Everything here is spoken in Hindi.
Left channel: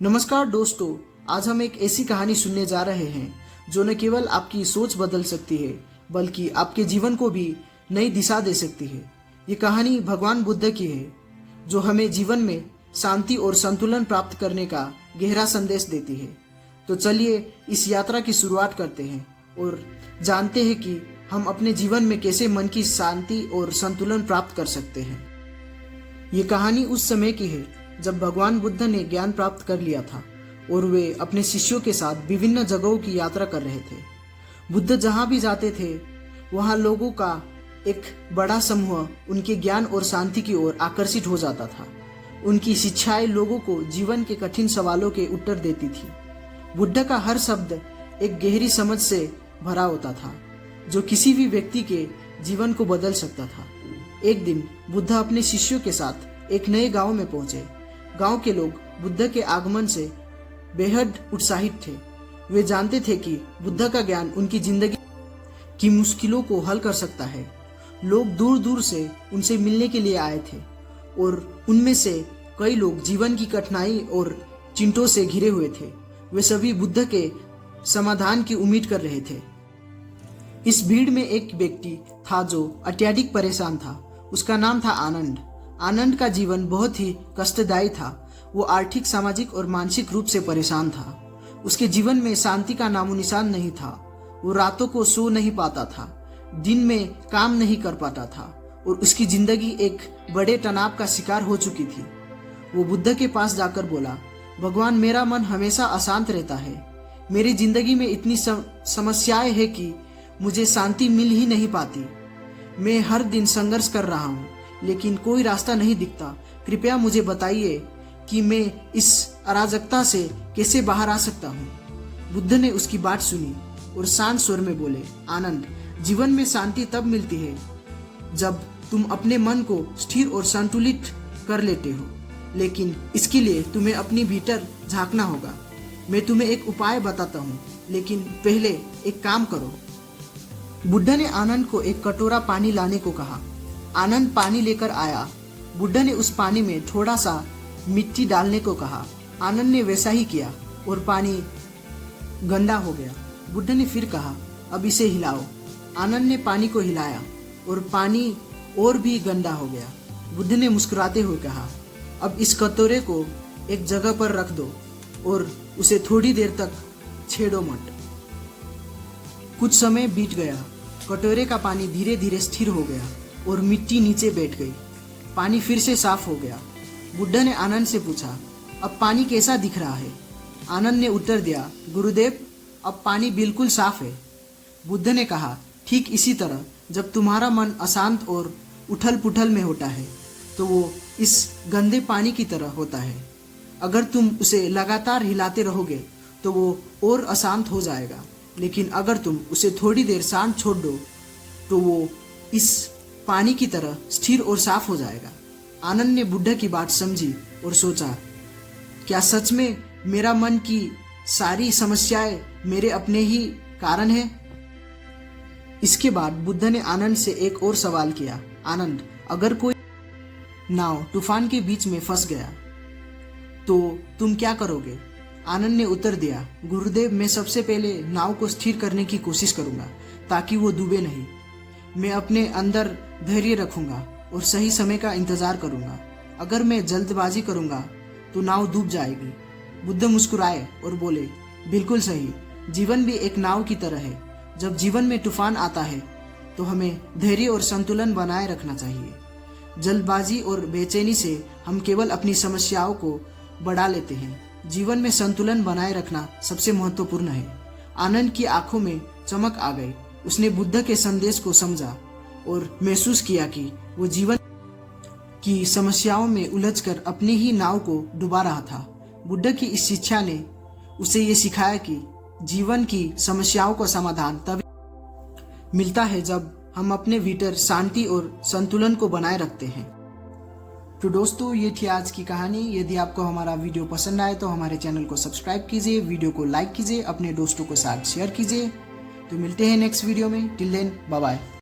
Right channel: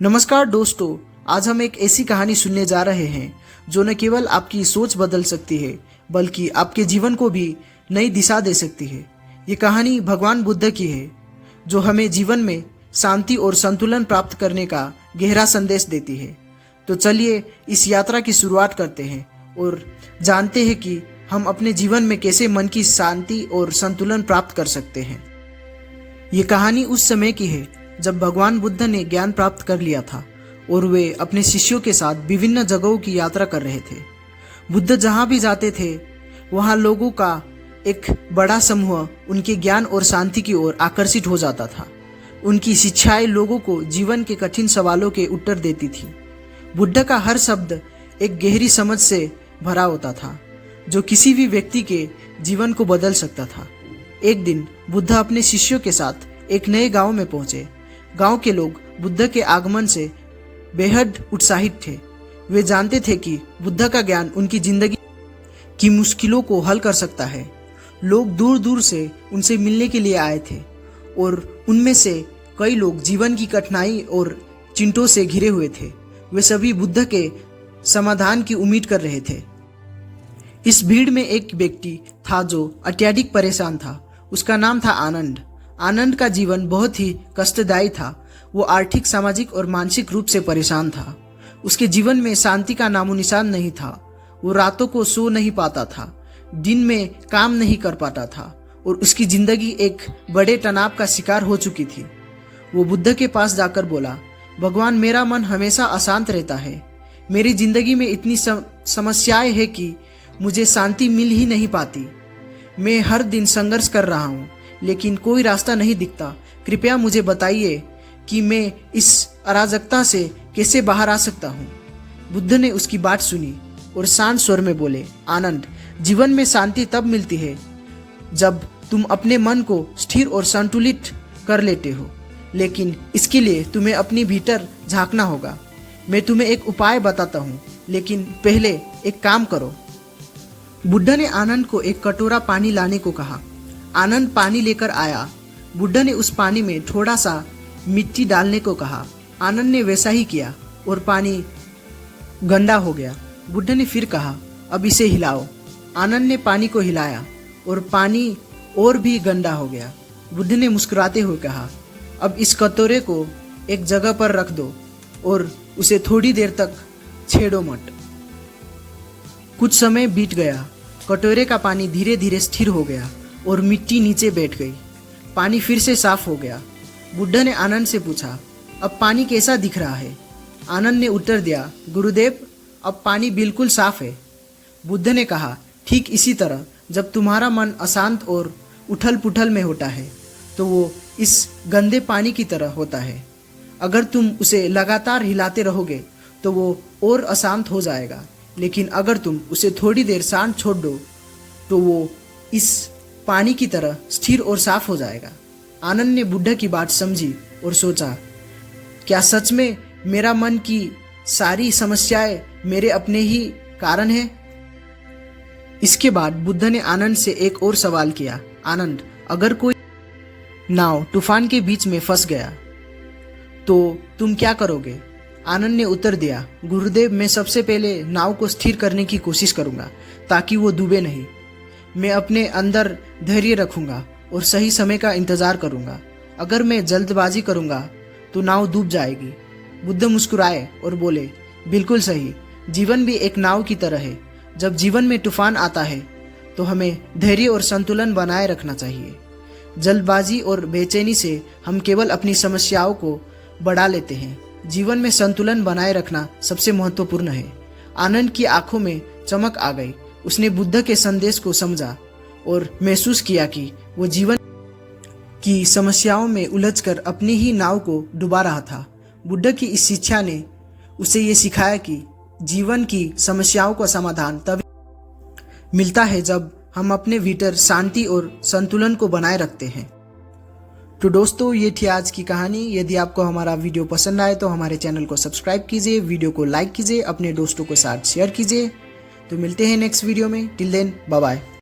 नमस्कार दोस्तों, आज हम एक ऐसी कहानी सुनने जा रहे हैं जो न केवल आपकी सोच बदल सकती है बल्कि आपके जीवन को भी नई दिशा दे सकती है। ये कहानी भगवान बुद्ध की है जो हमें जीवन में शांति और संतुलन प्राप्त करने का गहरा संदेश देती है। तो चलिए इस यात्रा की शुरुआत करते हैं और जानते हैं कि हम अपने जीवन में कैसे मन की शांति और संतुलन प्राप्त कर सकते हैं। ये कहानी उस समय की है जब भगवान बुद्ध ने ज्ञान प्राप्त कर लिया था और वे अपने शिष्यों के साथ विभिन्न जगहों की यात्रा कर रहे थे। बुद्ध जहाँ भी जाते थे वहाँ लोगों का एक बड़ा समूह उनके ज्ञान और शांति की ओर आकर्षित हो जाता था। उनकी शिक्षाएं लोगों को जीवन के कठिन सवालों के उत्तर देती थी। बुद्ध का हर शब्द एक गहरी समझ से भरा होता था जो किसी भी व्यक्ति के जीवन को बदल सकता था। एक दिन बुद्ध अपने शिष्यों के साथ एक नए गांव में पहुंचे। गांव के लोग बुद्ध के आगमन से बेहद उत्साहित थे। वे जानते थे कि बुद्ध का ज्ञान उनकी जिंदगी की मुश्किलों को हल कर सकता है। लोग दूर दूर से उनसे मिलने के लिए आए थे और उनमें से कई लोग जीवन की कठिनाई और चिंताओं से घिरे हुए थे। वे सभी बुद्ध के समाधान की उम्मीद कर रहे थे। इस भीड़ में एक व्यक्ति था जो अत्यधिक परेशान था। उसका नाम था आनंद। आनंद का जीवन बहुत ही कष्टदायी था। वो आर्थिक, सामाजिक और मानसिक रूप से परेशान था। उसके जीवन में शांति का नामो निशान नहीं था। वो रातों को सो नहीं पाता था, दिन में काम नहीं कर पाता था और उसकी जिंदगी एक बड़े तनाव का शिकार हो चुकी थी। वो बुद्ध के पास जाकर बोला, भगवान, मेरा मन हमेशा अशांत रहता है। मेरी जिंदगी में इतनी समस्याएं हैं कि मुझे शांति मिल ही नहीं पाती। मैं हर दिन संघर्ष कर रहा हूँ लेकिन कोई रास्ता नहीं दिखता। कृपया मुझे बताइए कि मैं इस अराजकता से कैसे बाहर आ सकता हूँ। बुद्ध ने उसकी बात सुनी और शांत स्वर में बोले, आनंद, जीवन में शांति तब मिलती है जब तुम अपने मन को स्थिर और संतुलित कर लेते हो, लेकिन इसके लिए तुम्हें अपनी भीतर झांकना होगा। मैं तुम्हें एक उपाय बताता हूँ, लेकिन पहले एक काम करो। बुद्ध ने आनंद को एक कटोरा पानी लाने को कहा। आनंद पानी लेकर आया। बुद्ध ने उस पानी में थोड़ा सा मिट्टी डालने को कहा। आनंद ने वैसा ही किया और पानी गंदा हो गया। बुद्ध ने फिर कहा, अब इसे हिलाओ। आनंद ने पानी को हिलाया और पानी और भी गंदा हो गया। बुद्ध ने मुस्कुराते हुए कहा, अब इस कटोरे को एक जगह पर रख दो और उसे थोड़ी देर तक छेड़ो मत। कुछ समय बीत गया। कटोरे का पानी धीरे धीरे स्थिर हो गया और मिट्टी नीचे बैठ गई। पानी फिर से साफ हो गया। बुद्ध ने आनंद से पूछा, अब पानी कैसा दिख रहा है? आनंद ने उत्तर दिया, गुरुदेव, अब पानी बिल्कुल साफ है। बुद्ध ने कहा, ठीक इसी तरह जब तुम्हारा मन अशांत और उथल पुथल में होता है तो वो इस गंदे पानी की तरह होता है। अगर तुम उसे लगातार हिलाते रहोगे तो वो और अशांत हो जाएगा, लेकिन अगर तुम उसे थोड़ी देर शांत छोड़ दो तो वो इस पानी की तरह स्थिर और साफ हो जाएगा। आनंद ने बुद्ध की बात समझी और सोचा, क्या सच में मेरा मन की सारी समस्याएं मेरे अपने ही कारण है? इसके बाद बुद्ध ने आनंद से एक और सवाल किया, आनंद, अगर कोई नाव तूफान के बीच में फंस गया तो तुम क्या करोगे? आनंद ने उत्तर दिया, गुरुदेव, मैं सबसे पहले नाव को स्थिर करने की कोशिश करूंगा ताकि वो डूबे नहीं। मैं अपने अंदर धैर्य रखूंगा और सही समय का इंतजार करूंगा। अगर मैं जल्दबाजी करूंगा तो नाव डूब जाएगी। बुद्ध मुस्कुराए और बोले, बिल्कुल सही, जीवन भी एक नाव की तरह है। जब जीवन में तूफान आता है तो हमें धैर्य और संतुलन बनाए रखना चाहिए। जल्दबाजी और बेचैनी से हम केवल अपनी समस्याओं को बढ़ा लेते हैं। जीवन में संतुलन बनाए रखना सबसे महत्वपूर्ण है। आनंद की आंखों में चमक आ गई। उसने बुद्ध के संदेश को समझा और महसूस किया कि वो जीवन की समस्याओं में उलझकर अपनी ही नाव को डुबा रहा था। बुद्ध की इस शिक्षा ने उसे ये सिखाया कि जीवन की समस्याओं का समाधान तब मिलता है जब हम अपने भीतर शांति और संतुलन को बनाए रखते हैं। तो दोस्तों, ये थी आज की कहानी। यदि आपको हमारा वीडियो पसंद आए तो हमारे चैनल को सब्सक्राइब कीजिए, वीडियो को लाइक कीजिए, अपने दोस्तों के साथ शेयर कीजिए। तो मिलते हैं नेक्स्ट वीडियो में। Till then, bye bye.